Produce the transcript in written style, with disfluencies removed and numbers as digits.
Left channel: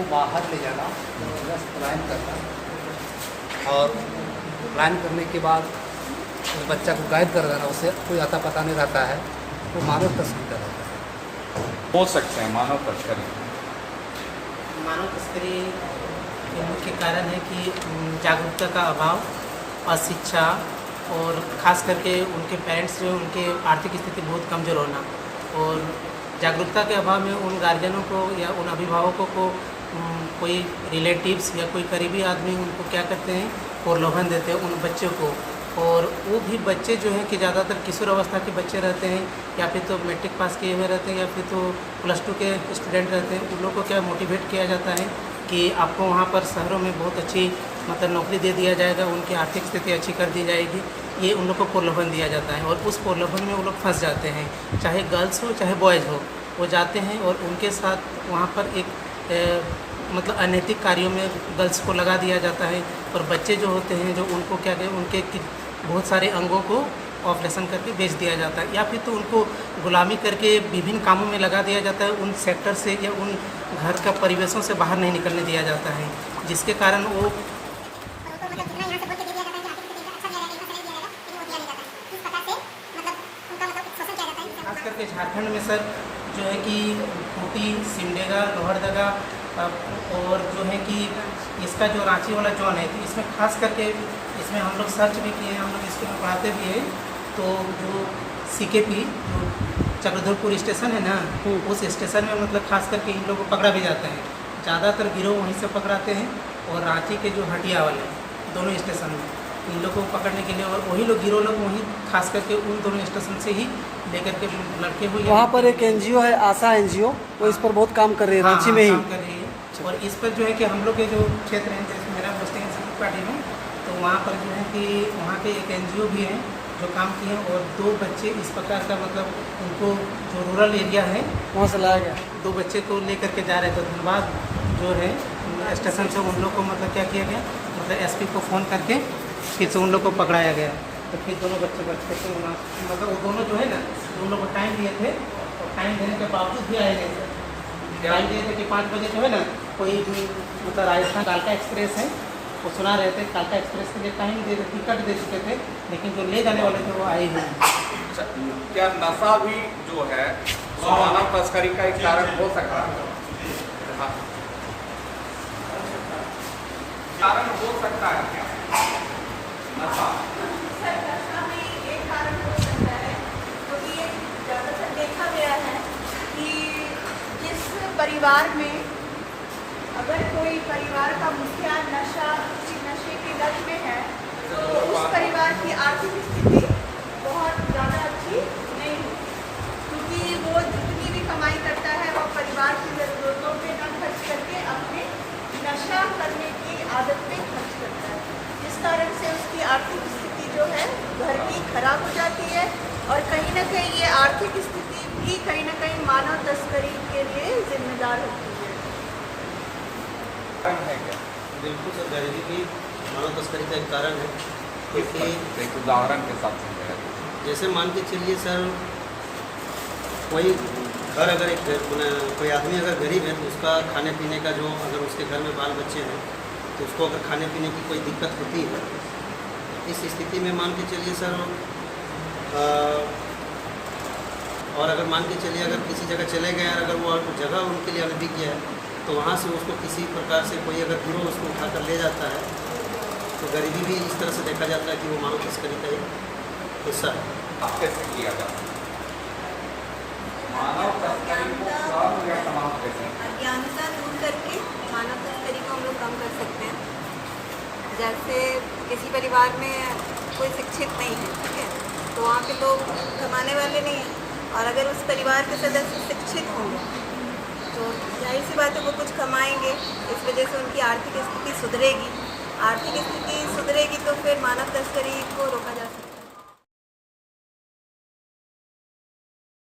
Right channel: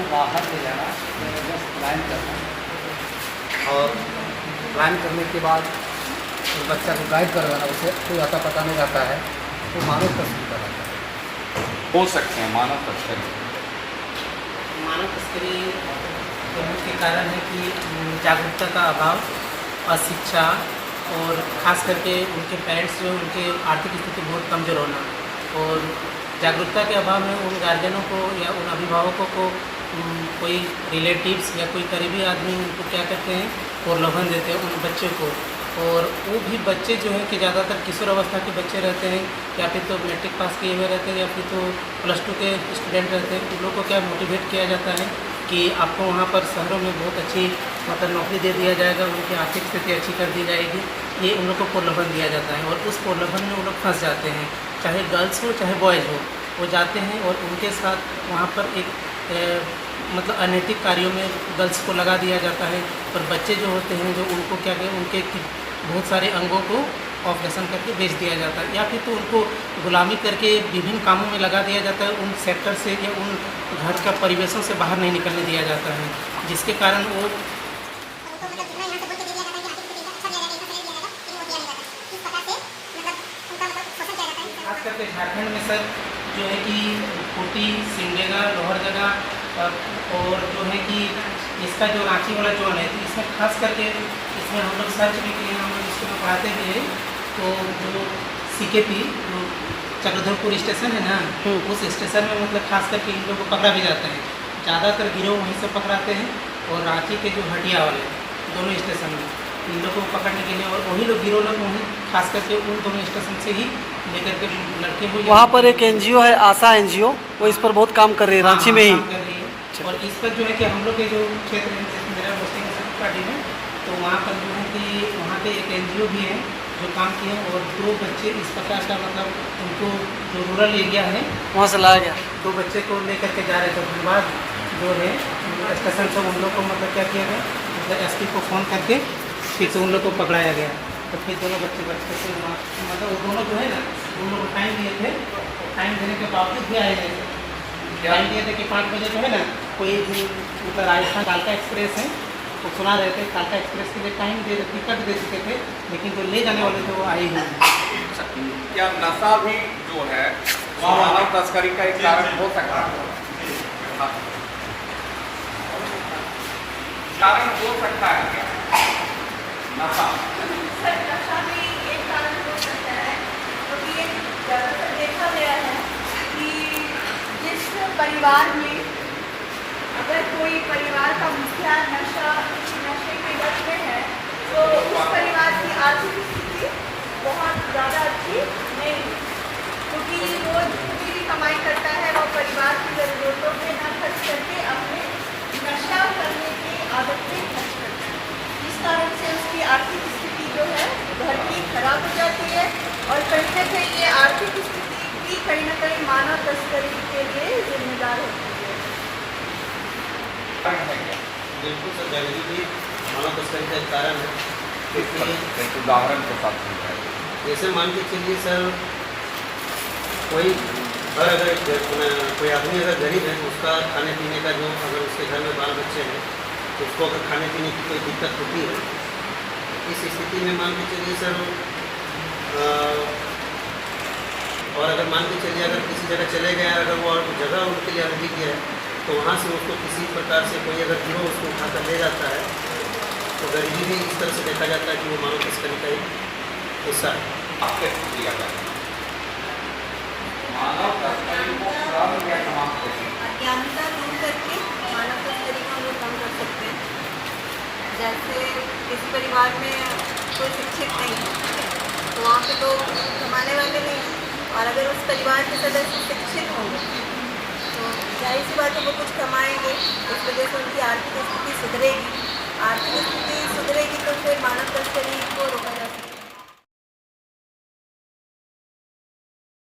को बाहर ले जाना, जस्ट प्लान करना और प्लान करने के बाद बच्चा को गाइड कर देना, उसे कोई आता पता नहीं रहता है तो मानव तस्करी का रहता है। हो सकते हैं मानव तस्करी। मानव तस्करी के मुख्य कारण है कि जागरूकता का अभाव, अशिक्षा और ख़ास करके उनके पेरेंट्स जो उनके आर्थिक स्थिति बहुत कमज़ोर होना, और जागरूकता के अभाव में उन गार्जियनों को या उन अभिभावकों को कोई रिलेटिव्स या कोई करीबी आदमी उनको क्या करते हैं, प्रलोभन देते हैं उन बच्चों को। और वो भी बच्चे जो हैं कि ज़्यादातर किशोर अवस्था के बच्चे रहते हैं, या फिर तो मैट्रिक पास किए हुए रहते हैं, या फिर तो +2 के स्टूडेंट रहते हैं। उन लोगों को क्या मोटिवेट किया जाता है कि आपको वहाँ पर शहरों में बहुत अच्छी मतलब नौकरी दे दिया जाएगा, उनकी आर्थिक स्थिति अच्छी कर दी जाएगी, ये उन लोग को प्रलोभन दिया जाता है। और उस प्रलोभन में वो लोग फंस जाते हैं, चाहे गर्ल्स हो चाहे बॉयज़ हो, वो जाते हैं और उनके साथ वहाँ पर एक मतलब अनैतिक कार्यों में गर्ल्स को लगा दिया जाता है। और बच्चे जो होते हैं जो उनको क्या कहते हैं, उनके बहुत सारे अंगों को ऑपरेशन करके बेच दिया जाता है, या फिर तो उनको गुलामी करके विभिन्न कामों में लगा दिया जाता है। उन सेक्टर से या उन घर का परिवेशों से बाहर नहीं निकलने दिया जाता है, जिसके कारण वो खास करके झारखंड में सर जो है कि खूंटी, सिमडेगा, लोहरदगा और जो है कि इसका जो रांची वाला जोन है, तो इसमें खास करके इसमें हम लोग सर्च भी किए हैं, हम लोग इसको पढ़ाते भी हैं। तो जो CKP जो चक्रधरपुर स्टेशन है ना, उस स्टेशन में मतलब खास करके इन लोगों को पकड़ा भी जाता है। ज़्यादातर गिरोह वहीं से पकड़ाते हैं, और रांची के जो हटिया वाले दोनों स्टेशन में इन लोगों को पकड़ने के लिए, और वही लोग गिरोह लोग वहीं खास करके उन दोनों स्टेशन से ही लेकर के लड़के हुए। वहाँ पर एक NGO है, आशा NGO, वो इस पर बहुत काम कर रही है, रांची में ही काम कर रही है। और इस पर जो है कि हम लोग के जो क्षेत्र है, जैसे मेरा पोस्टिंग पार्टी में, तो वहाँ पर जो है कि वहाँ पे एक NGO भी है जो काम किए हैं, और 2 बच्चे इस प्रकार का मतलब उनको जो रूरल एरिया है वहाँ से लाया गया। 2 बच्चे को लेकर के जा रहे थे। धनबाद जो है स्टेशन से उन लोग को मतलब क्या किया गया, मतलब SP को फ़ोन करके फिर से उन लोग को पकड़ाया गया। तो फिर दोनों बच्चे से मतलब वो दोनों जो है ना, उन लोग को टाइम दिए थे, और टाइम देने के बावजूद भी आए नहीं। टाइम दिए थे कि 5 बजे जो है ना, कोई मतलब राजस्थान कालका एक्सप्रेस है, वो सुना रहे थे, कालका एक्सप्रेस के लिए टाइम दे टिकट दे चुके थे, लेकिन जो ले जाने वाले थे वो आए ही नहीं। क्या नशा भी जो है मानव तस्करी का एक कारण हो सकता है? कारण हो सकता है क्या नशा? सर, नशा भी एक कारण हो सकता है, क्योंकि ये ज़्यादातर देखा गया है कि जिस परिवार में अगर कोई परिवार का मुखिया नशे के लत में है, तो उस परिवार की आर्थिक स्थिति बहुत ज़्यादा अच्छी नहीं है, क्योंकि वो जितनी भी कमाई करता है वो परिवार की ज़रूरतों पे न खर्च करके अपने नशा करने की आदत पे खर्च करता है। इस कारण से उसकी आर्थिक स्थिति जो है घर की खराब हो जाती है, और कहीं न कहीं ये आर्थिक स्थिति भी कहीं न कहीं मानव तस्करी के लिए जिम्मेदार होती है। है क्या? बिल्कुल सर, गरीबी भी मानव तस्करी का एक कारण है, क्योंकि एक उदाहरण के साथ समझाइए। जैसे मान के चलिए सर, कोई घर अगर कोई आदमी अगर गरीब है, तो उसका खाने पीने का जो अगर उसके घर में बाल बच्चे हैं, तो उसको अगर खाने पीने की कोई दिक्कत होती है, इस स्थिति में मान के चलिए सर, और अगर मान के चलिए अगर किसी जगह चले गए, अगर वो जगह उनके लिए अनभिज्ञ है, तो वहाँ से उसको किसी प्रकार से कोई अगर गिरोह उसको उठाकर ले जाता है, तो गरीबी भी इस तरह से देखा जाता है कि वो मानव तस्करी का एक हिस्सा है। आप कैसे किया जाता है मानव तस्करी को कम या समाप्त कैसे? अज्ञानता दूर करके मानव तस्करी को हम लोग कम कर सकते हैं। जैसे किसी परिवार में कोई शिक्षित नहीं है, ठीक है, तो वहाँ पे लोग कमाने वाले नहीं हैं, और अगर उस परिवार के सदस्य शिक्षित होंगे तो जाहिर सी बात है वो कुछ कमाएंगे, इस वजह से उनकी आर्थिक स्थिति सुधरेगी। आर्थिक स्थिति सुधरेगी तो फिर मानव तस्करी को रोका